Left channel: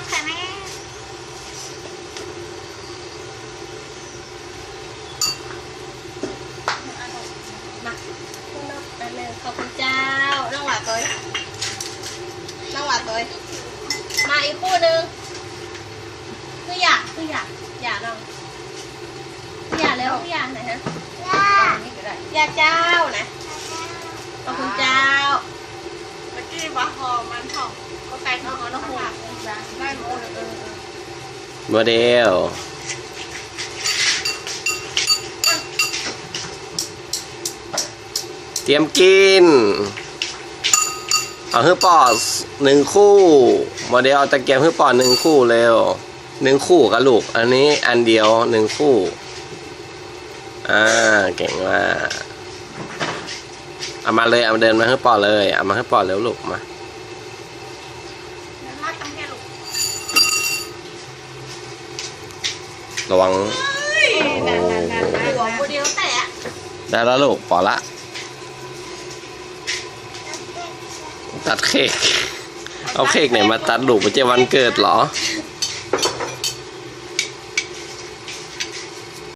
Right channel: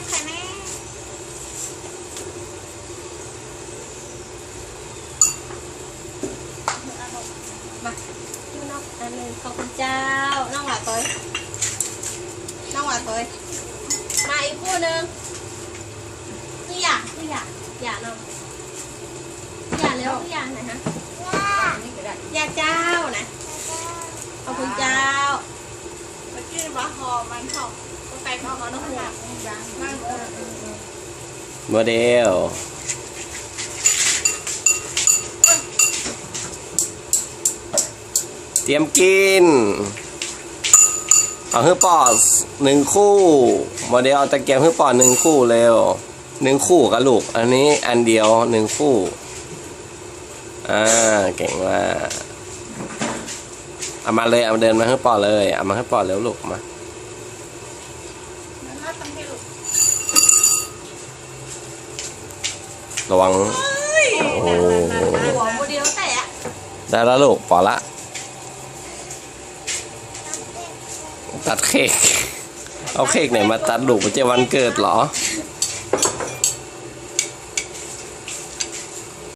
มค่ะแม่มาข้างนอกอันหนึ่งขอบคุณเจ้า น้องหวานถอยน้องหวานถอยมาอีกคู่หนึ่งคืออยากคืออยากอยากน้องอยากแล้วคืออยากไหนฮะอยากเจ้านะขอบคุณเจ้าเมื่อกี้วาหอมมันหอม ก็ไก่ข้าวหอมน้ำหัวได้หมดโมเดลเตรียมกิน เอาฮื้อปอดหนึ่งคู่โมเดลเอาตะเกียบฮื้อปอดหนึ่งคู่เร็วหนึ่งคู่กับลูก อันนี้อันเดียวหนึ่งคู่ อ่า เก่งมากเอามาเลย เอามาเดินมาฮื้อปอดเลย เอามาฮื้อปอดเร็วลูกมา ตั้งแค่ลูกระวังหัวโมเดลแต่อะได้แล้วลูกปอละ ตัดเค้กเอาเค้กไหนมาตัดลูกไปเจวันเกิดเหรอเ